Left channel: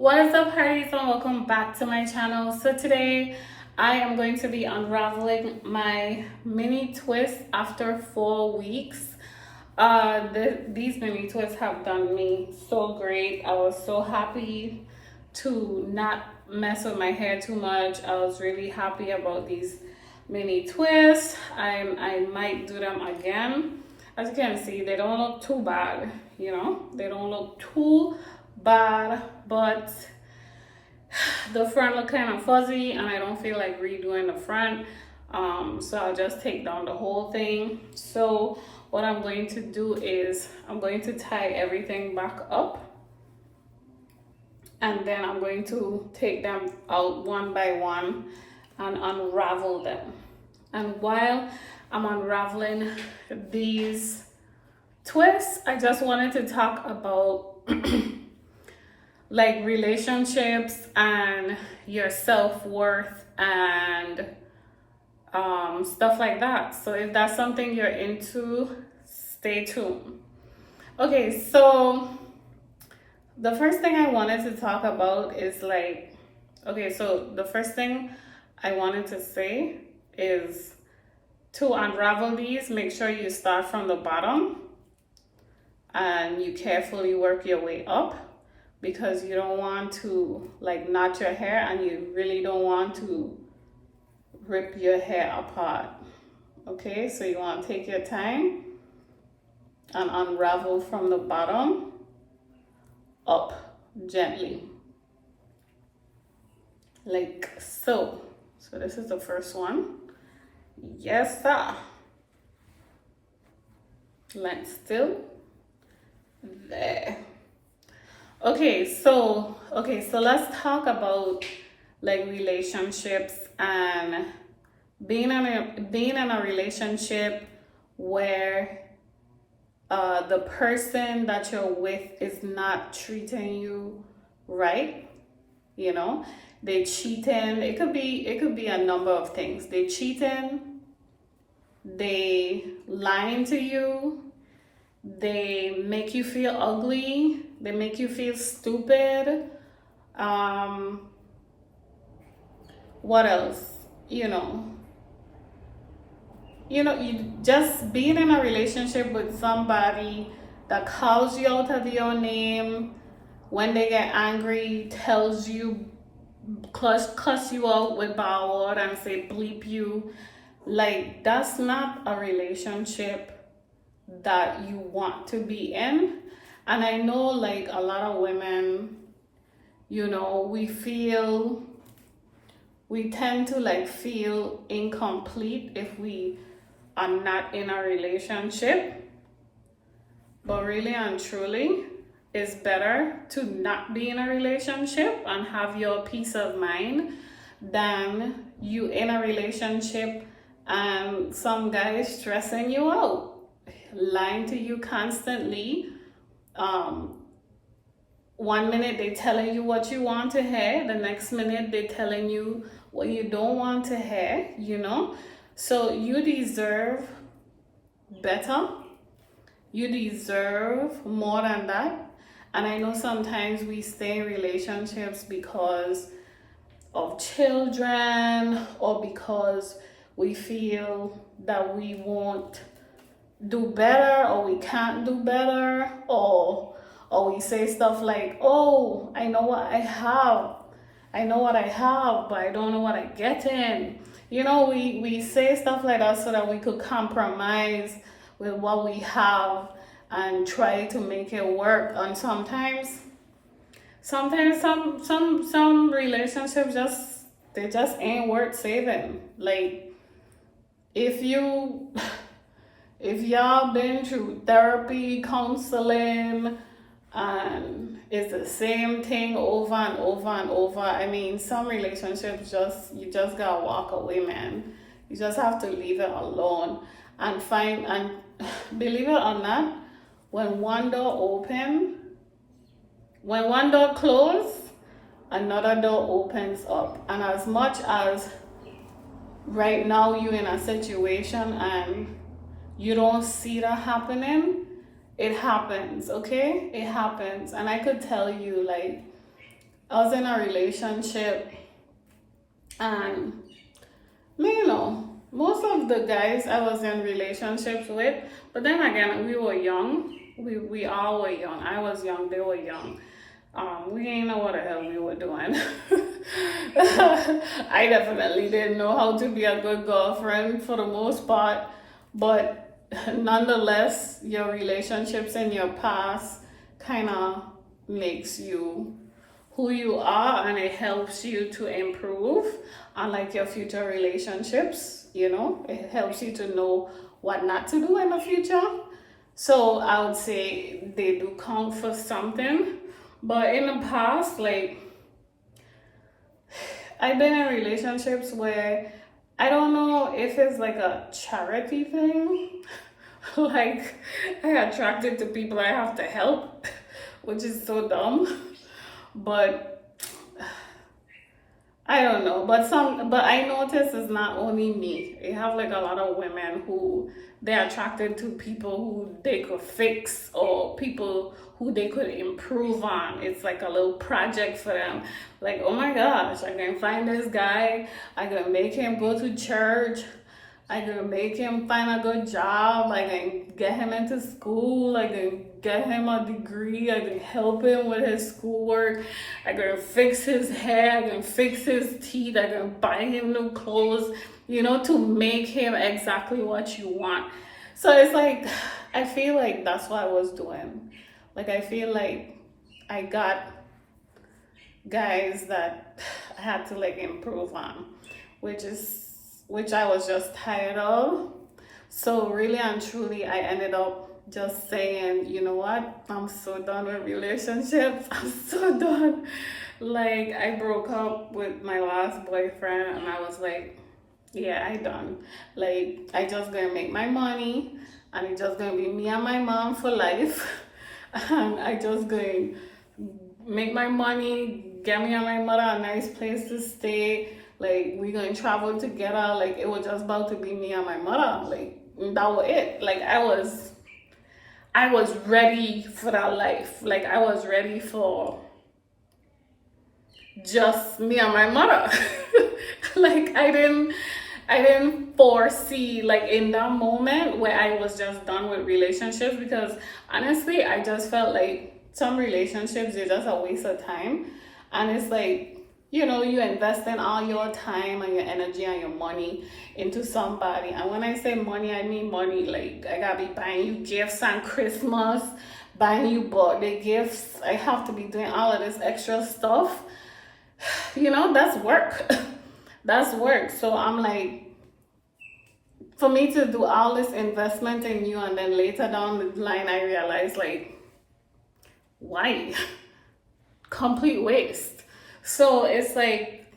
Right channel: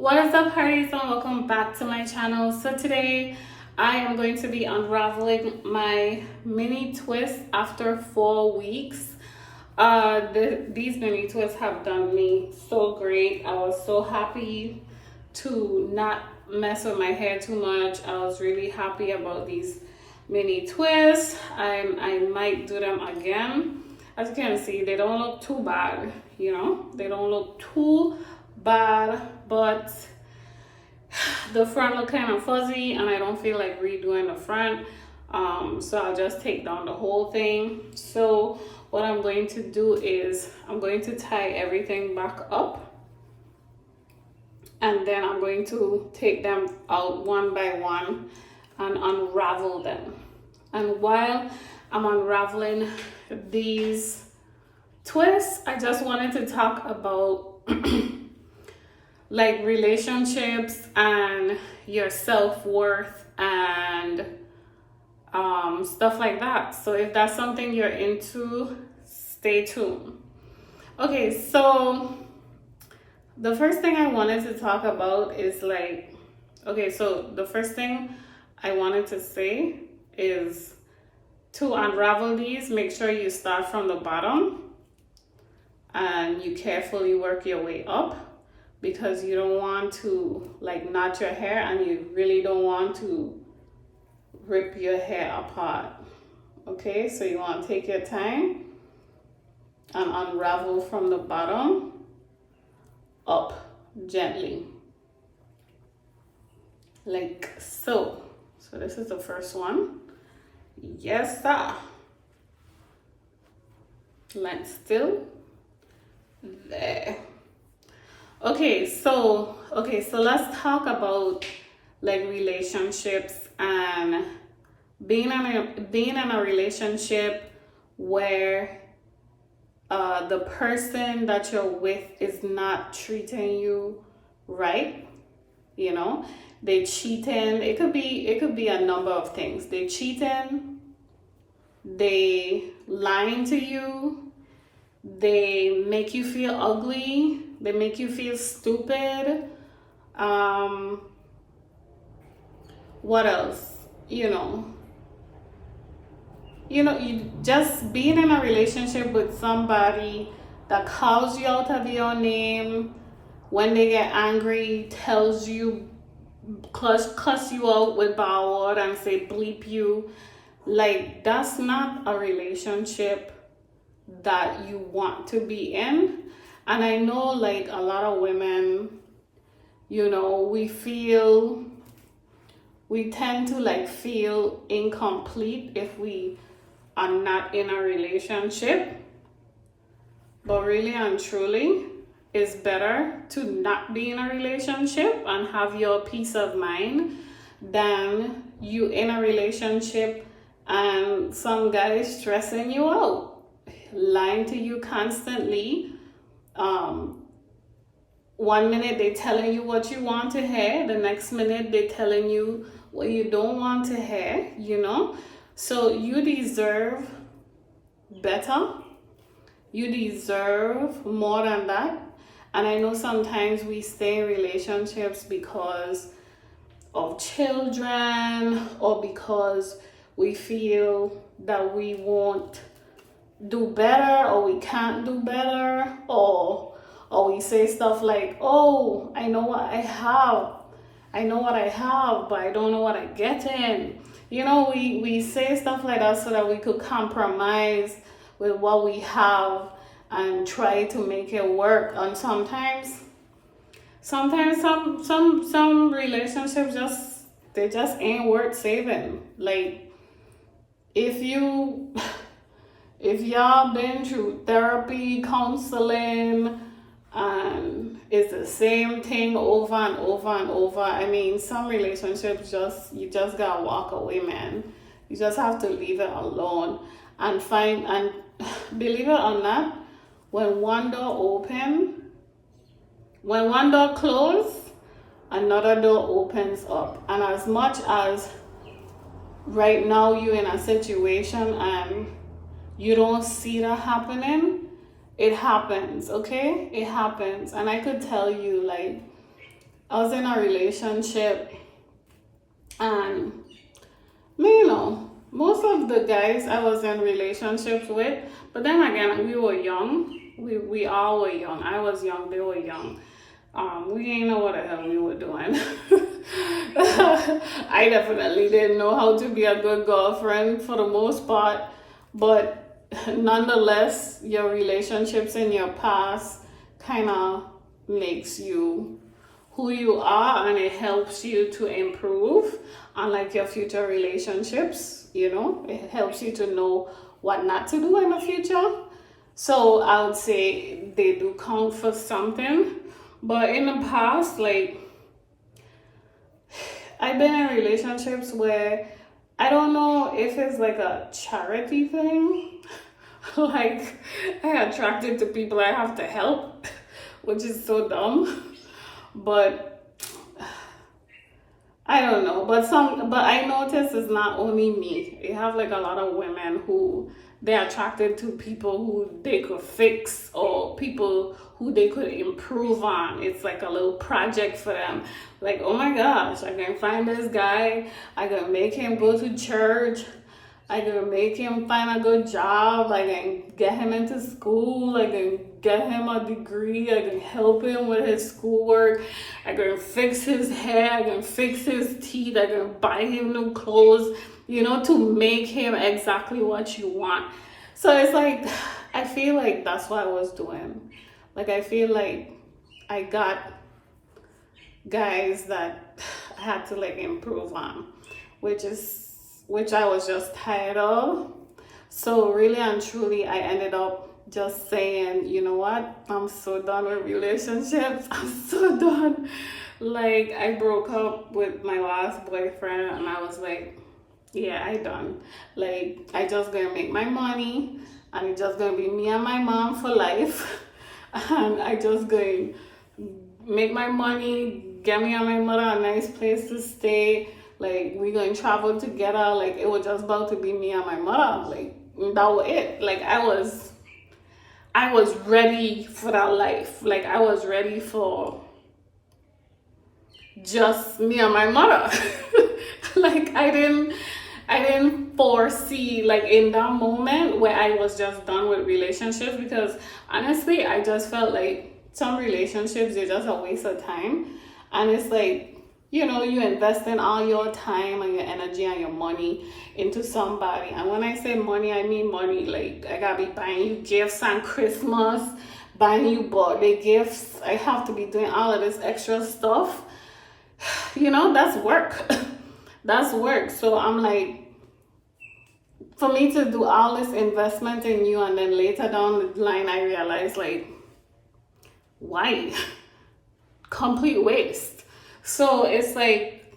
What is up, parties, and welcome back to my channel. So today I am going to be unraveling my mini twists after 4 weeks. These mini twists have done me so great. I was so happy to not mess with my hair too much. I was really happy about these mini twists. I might do them again. As you can see, they don't look too bad, they don't look too bad, but the front look kind of fuzzy and I don't feel like redoing the front, so I'll just take down the whole thing. So what I'm going to do is I'm going to tie everything back up, and then I'm going to take them out one by one and unravel them. And while I'm unraveling these twists, I just wanted to talk about like relationships and your self-worth and stuff like that. So if that's something you're into, stay tuned. Okay, so the first thing I wanted to talk about is so the first thing I wanted to say is to unravel these, make sure you start from the bottom and you carefully work your way up, because you don't want to knot your hair and you really don't want to rip your hair apart. Okay, so you want to take your time and unravel from the bottom up gently, like so. So this is the first one. Yes sir. Let's still there. Okay, so let's talk about relationships and being in a relationship where the person that you're with is not treating you right. They cheating. It could be a number of things. They cheating, they lying to you, they make you feel ugly, they make you feel stupid. What else? You just being in a relationship with somebody that calls you out of your name when they get angry, tells you, cuss you out with bad word and say bleep you. That's not a relationship that you want to be in. And I know a lot of women, we tend to feel incomplete if we are not in a relationship. But really and truly, it's better to not be in a relationship and have your peace of mind than you in a relationship and some guy is stressing you out, lying to you constantly. One minute they telling you what you want to hear, the next minute they telling you what you don't want to hear, So you deserve better. You deserve more than that. And I know sometimes we stay in relationships because of children or because we feel that we won't do better or we can't do better, or we say stuff like, oh, I know what I have, but I don't know what I get in. We say stuff like that so that we could compromise with what we have and try to make it work. And sometimes some relationships just ain't worth saving. If y'all been through therapy, counseling, and it's the same thing over and over and over, I mean, some relationships you just gotta walk away, man. You just have to leave it alone and believe it or not, when one door closes, another door opens up. And as much as right now you're in a situation and you don't see that happening, it happens, okay? It happens. And I could tell you, I was in a relationship, and you know, most of the guys I was in relationships with, but then again, we were young. We all were young. I was young, they were young. We didn't know what the hell we were doing. I definitely didn't know how to be a good girlfriend for the most part, but nonetheless, your relationships in your past kind of makes you who you are, and it helps you to improve on like your future relationships. You know, it helps you to know what not to do in the future. So I would say they do count for something. But in the past, like, I've been in relationships where I don't know if it's like a charity thing. Like, I attracted to people I have to help, which is so dumb. But I don't know. But I notice it's not only me. You have like a lot of women who they're attracted to people who they could fix, or people who they could improve on. It's like a little project for them. Like, oh my gosh, I can find this guy. I can make him go to church. I can make him find a good job. I can get him into school. I can get him a degree. I can help him with his schoolwork. I can fix his hair. I can fix his teeth. I can buy him new clothes, you know, to make him exactly what you want. So it's like, I feel like that's what I was doing. Like, I feel like I got guys that I had to like improve on, which I was just tired of. So really and truly, I ended up just saying, you know what? I'm so done with relationships. I'm so done. Like, I broke up with my last boyfriend, and I was like, yeah, I done. Like, I just gonna make my money, and it's just gonna be me and my mom for life. And I just gonna make my money, get me and my mother a nice place to stay. Like, we gonna travel together. Like, it was just about to be me and my mother. Like, that was it. Like, I was ready for that life. Like, I was ready for just me and my mother. Like, I didn't foresee, like, in that moment where I was just done with relationships, because honestly, I just felt like some relationships, they're just a waste of time. And it's like, you know, you invest in all your time and your energy and your money into somebody. And when I say money, I mean money. Like, I gotta be buying you gifts on Christmas, buying you birthday gifts. I have to be doing all of this extra stuff. You know, that's work. That's work. So I'm like, for me to do all this investment in you, and then later down the line, I realized, like, why? Complete waste. So it's like,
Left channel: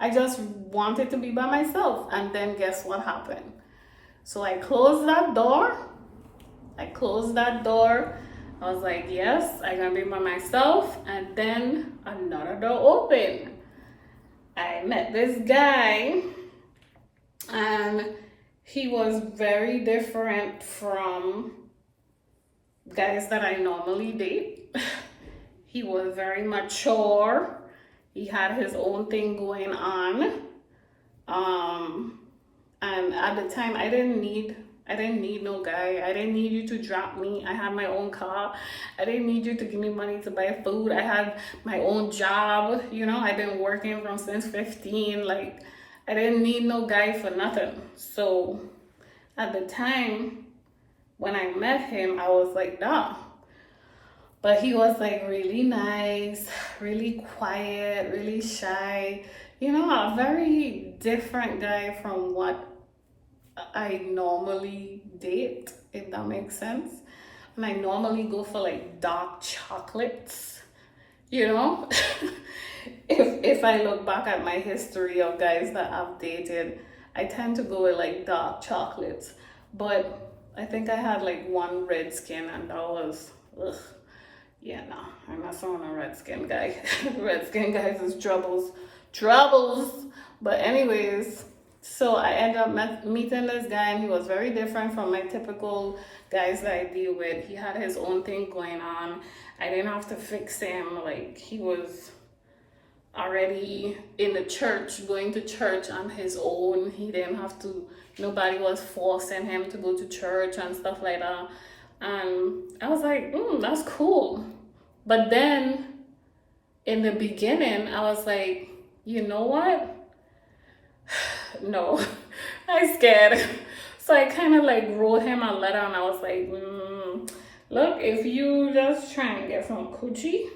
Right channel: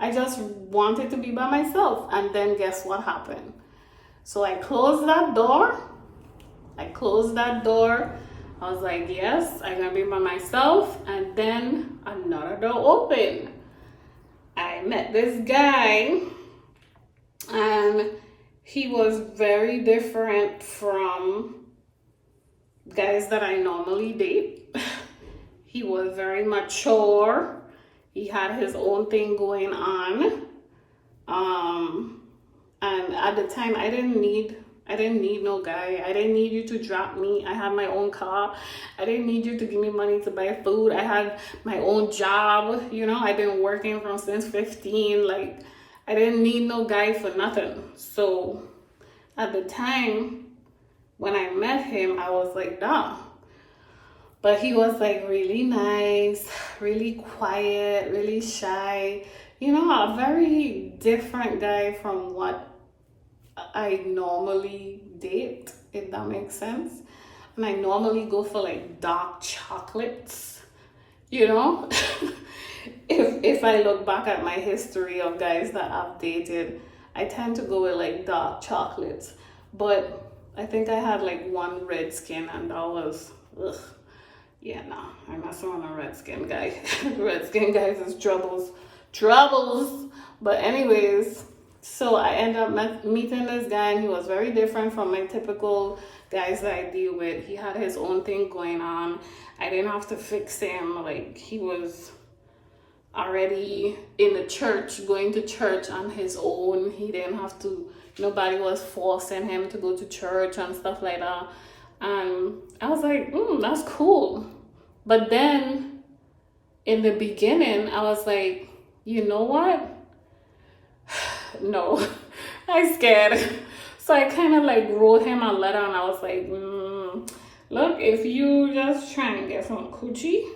I just wanted to be by myself. And then guess what happened? So I closed that door. I was like, yes, I'm gonna be by myself. And then another door opened. I met this guy, and he was very different from guys that I normally date. He was very mature. He had his own thing going on. And at the time, I didn't need no guy. I didn't need you to drop me. I had my own car. I didn't need you to give me money to buy food. I had my own job. You know, I've been working from since 15. Like, I didn't need no guy for nothing. So at the time when I met him, I was like, nah. But he was like really nice, really quiet, really shy. You know, a very different guy from what I normally date, if that makes sense. And I normally go for like dark chocolates, you know. If I look back at my history of guys that I've dated, I tend to go with like dark chocolates. But I think I had like one red skin, and that was, ugh. Yeah, no, I'm not someone a red skin guy. Red skin guys is troubles. But anyways, so I ended up meeting this guy, and he was very different from my typical guys that I deal with. He had his own thing going on, I didn't have to fix him. Like, he was already in the church, going to church on his own. He didn't have to, nobody was forcing him to go to church and stuff like that. And I was like, that's cool. But then in the beginning, I was like, you know what? No, I scared. So I kind of like wrote him a letter, and I was like, look, if you just try and get some coochie,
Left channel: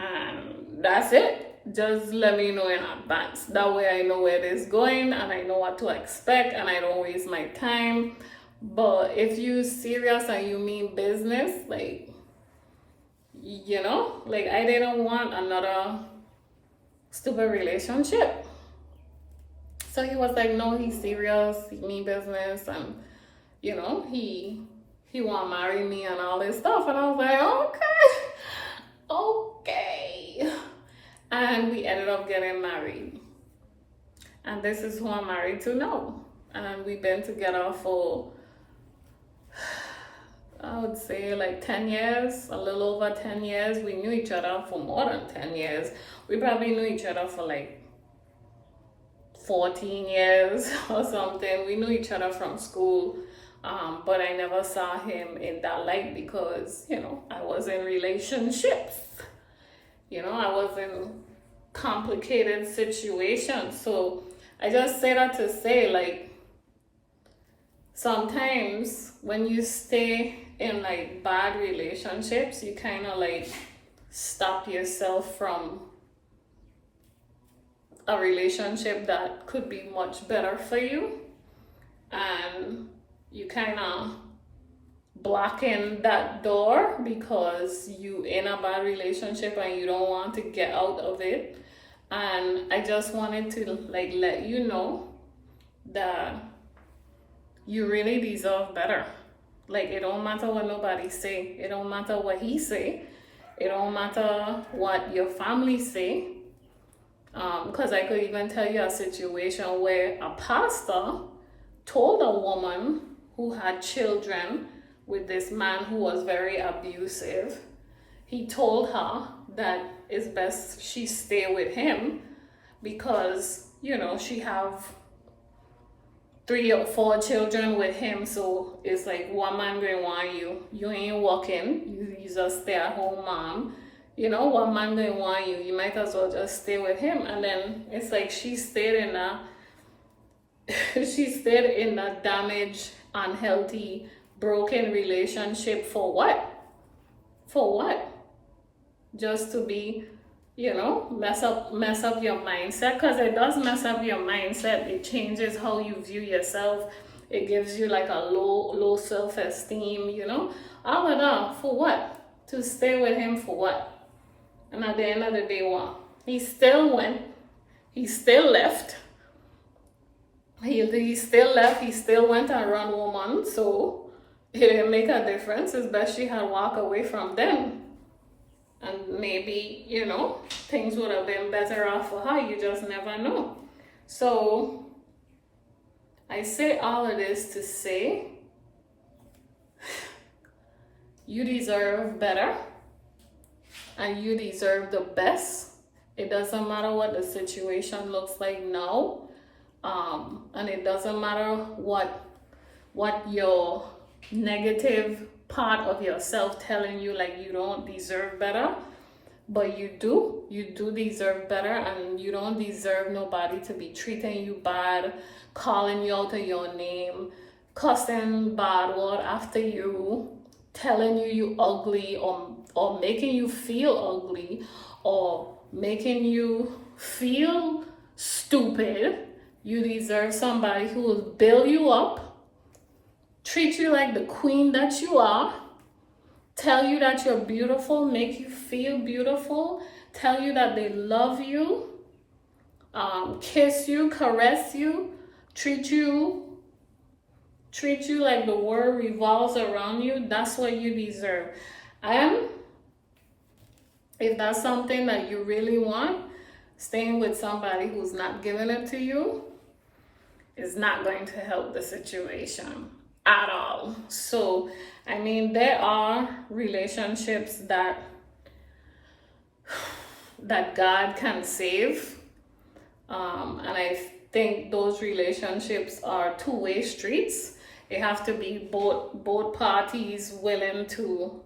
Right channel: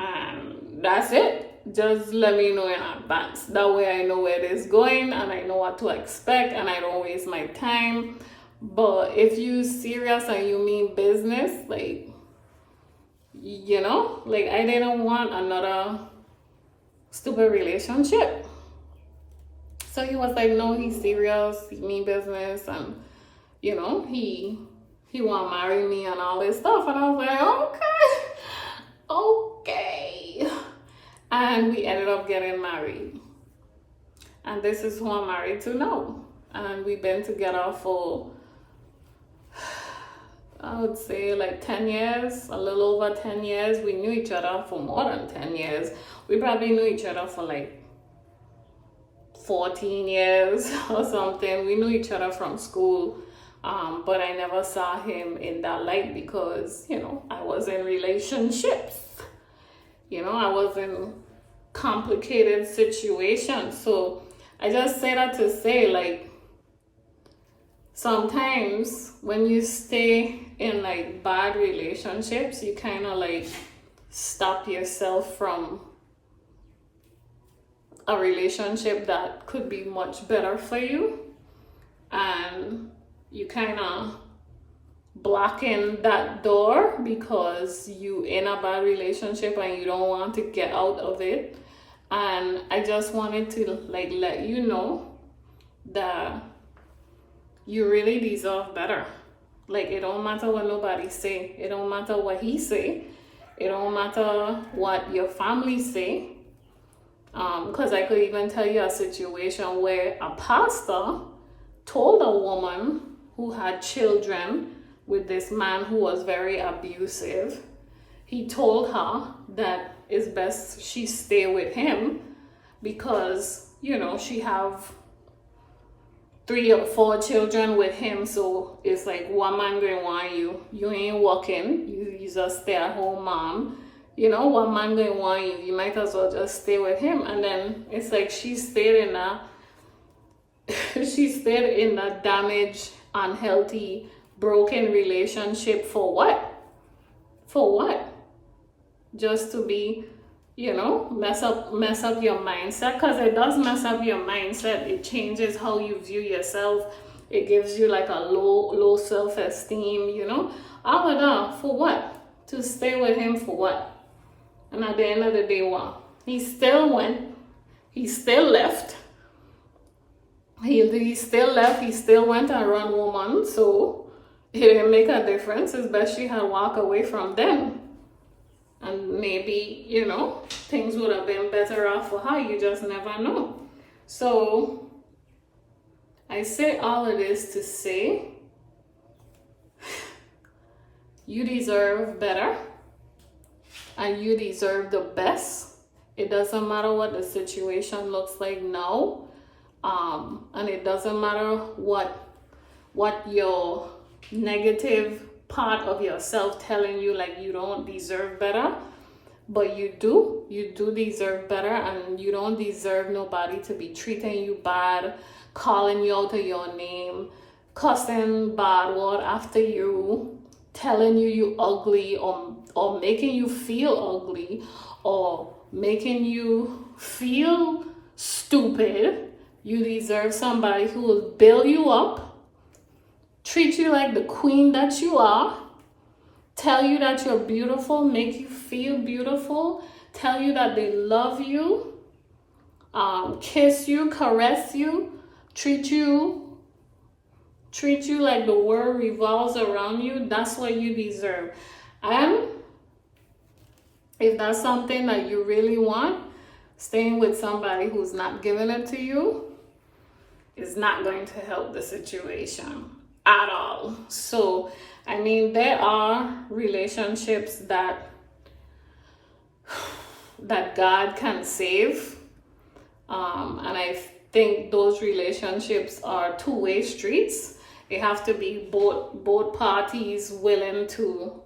and that's it, just let me know in advance. That way I know where it is going and I know what to expect and I don't waste my time. But if you serious and you mean business, like, you know, like, I didn't want another stupid relationship. So he was like, no, he's serious, he mean business, and, you know, he want to marry me and all this stuff. And I was like, okay. And we ended up getting married. And this is who I'm married to now. And we've been together for, I would say, like 10 years, a little over 10 years. We knew each other for more than 10 years. We probably knew each other for like 14 years or something. We knew each other from school, but I never saw him in that light because, you know, I was in relationships. You know, I was in complicated situations. So I just say that to say, like, sometimes when you stay in like bad relationships, you kind of like stop yourself from a relationship that could be much better for you, and you kind of blocking that door because you in a bad relationship and you don't want to get out of it. And I just wanted to like let you know that you really deserve better. Like, it don't matter what nobody say, it don't matter what he say, it don't matter what your family say. Because I could even tell you a situation where a pastor told a woman who had children with this man who was very abusive, he told her that it's best she stay with him because, you know, she have 3 or 4 children with him. So it's like, one man going want you, you ain't working, you just stay at home mom. You know, one man going want you, you might as well just stay with him. And then it's like she stayed in a damaged, unhealthy, broken relationship for what? For what? Just to be, you know, mess up your mindset, because it does mess up your mindset. It changes how you view yourself. It gives you like a low self-esteem, you know. All of that for what? To stay with him for what? And at the end of the day, what? He still went. He still left. He still left. He still went and run woman. So it didn't make a difference. It's best she had walked away from them. And maybe, you know, things would have been better off for her. You just never know. So I say all of this to say, you deserve better. And you deserve the best. It doesn't matter what the situation looks like now. And it doesn't matter what your negative part of yourself telling you like you don't deserve better. But you do deserve better, and you don't deserve nobody to be treating you bad, calling you out of your name, cussing bad word after you, telling you ugly, or making you feel ugly, or making you feel stupid. You deserve somebody who will build you up, treat you like the queen that you are, tell you that you're beautiful, make you feel beautiful, tell you that they love you, kiss you, caress you, treat you like the world revolves around you. That's what you deserve. And if that's something that you really want, staying with somebody who's not giving it to you is not going to help the situation at all. So I mean, there are relationships that God can save. And I think those relationships are two-way streets. It have to be both parties willing to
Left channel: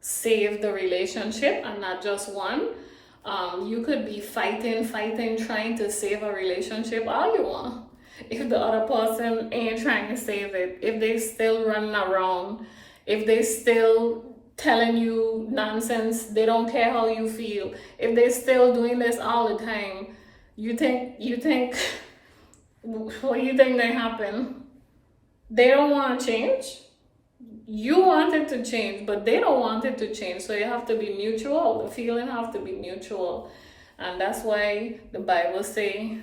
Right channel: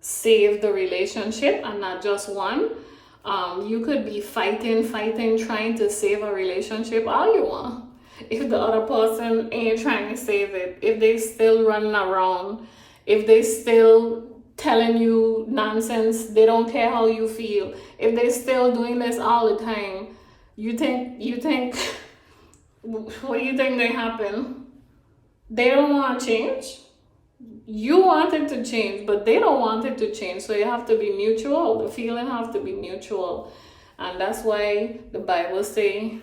save the relationship and not just one. You could be fighting, trying to save a relationship all you want. If the other person ain't trying to save it, if they still running around, if they still telling you nonsense, they don't care how you feel, if they still doing this all the time, you think what do you think may happen? They don't want to change. You want it to change, but they don't want it to change. So you have to be mutual. The feeling have to be mutual. And that's why the Bible say,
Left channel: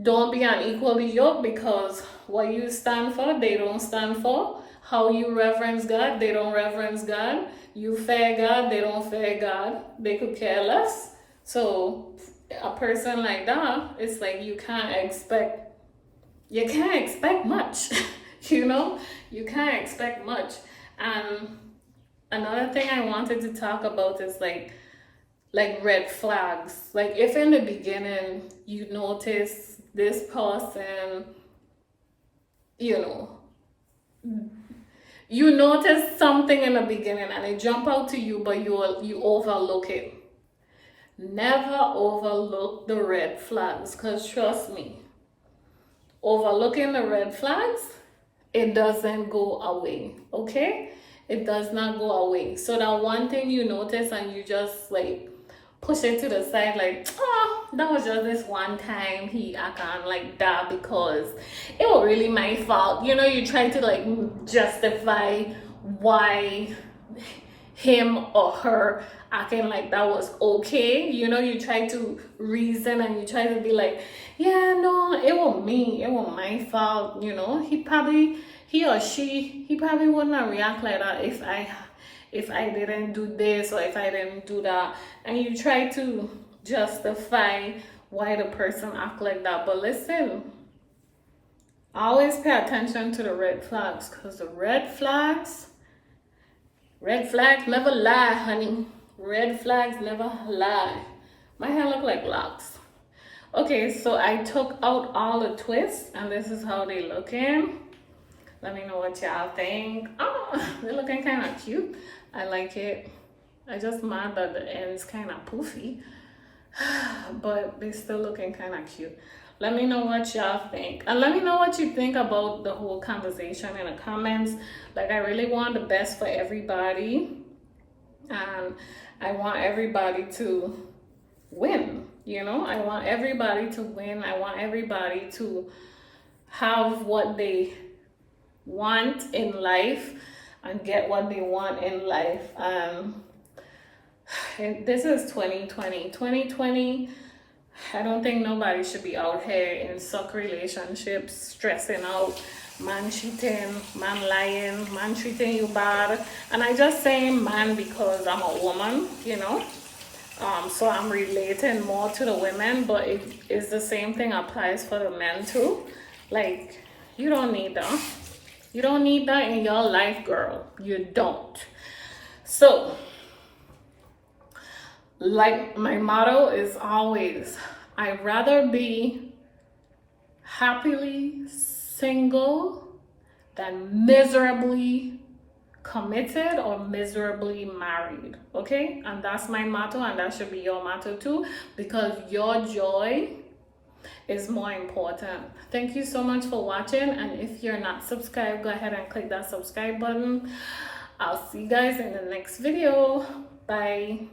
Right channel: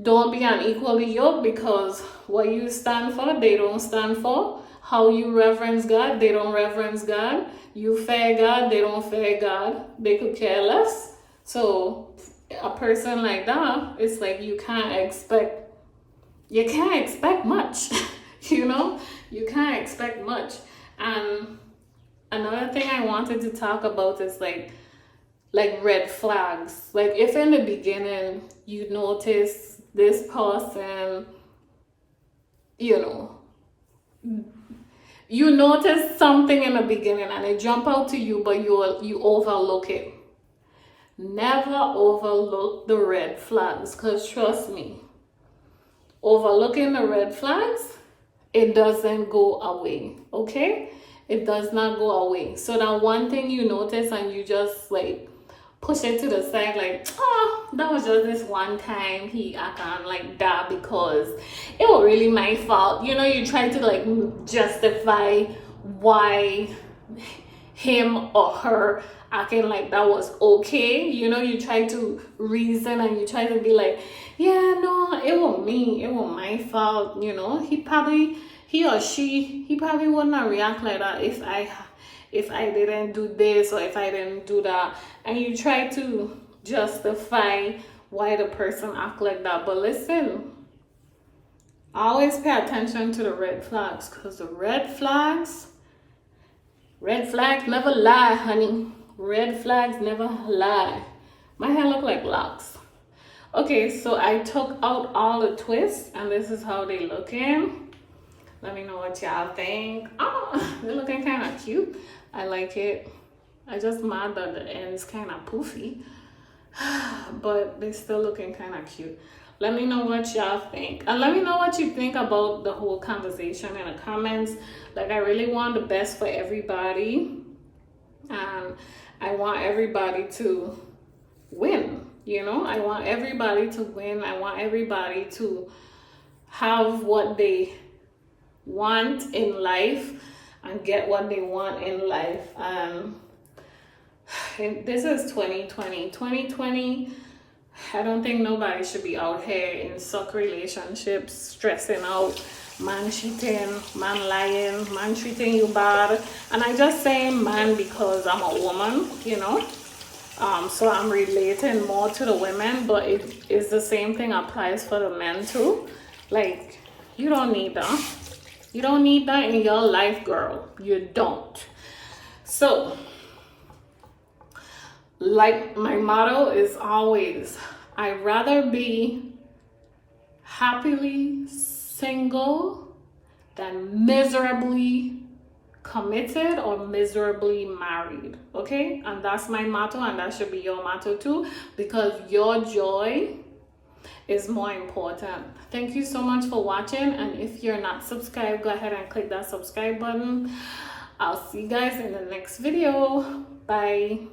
don't be unequally yoked, because what you stand for, they don't stand for. How you reverence God, they don't reverence God. You fear God, they don't fear God. They could care less. So a person like that, it's like you can't expect much. You know, you can't expect much. And another thing I wanted to talk about is like red flags. Like if in the beginning you notice this person, you know, you notice something in the beginning and it jump out to you, but you overlook it. Never overlook the red flags, because trust me, overlooking the red flags, it doesn't go away, okay? It does not go away. So that one thing you notice and you just like push it to the side, like, oh, that was just this one time he acted like that because it was really my fault. You know, you try to like justify why him or her acting like that was okay. You know, you try to reason and you try to be like, yeah, no, it was me, it was my fault. You know, he or she probably wouldn't react like that if I didn't do this or if I didn't do that. And you try to justify why the person act like that. But listen, always pay attention to the red flags, because the red flags never lie, honey. Red flags never lie. My hair look like locks. Okay, so I took out all the twists and this is how they looking. Let me know what y'all think. Oh, they're looking kind of cute. I like it. I just mad that the end's kind of poofy, but they're still looking kind of cute. Let me know what y'all think, and let me know what you think about the whole conversation in the comments. Like, I really want the best for everybody, and I want everybody to win. You know, I want everybody to win. I want everybody to have what they want in life and get what they want in life. This is 2020. I don't think nobody should be out here in suck relationships, stressing out, man cheating, man lying, man treating you bad. And I just saying man because I'm a woman, you know. So I'm relating more to the women, but it is the same thing applies for the men too. Like, you don't need that. You don't need that in your life, girl. You don't. So, like, my motto is always, I'd rather be happily single than miserably committed or miserably married. Okay? And that's my motto, and that should be your motto too, because your joy is more important. Thank you so much for watching, and if you're not subscribed, go ahead and click that subscribe button. I'll see you guys in the next video. Bye.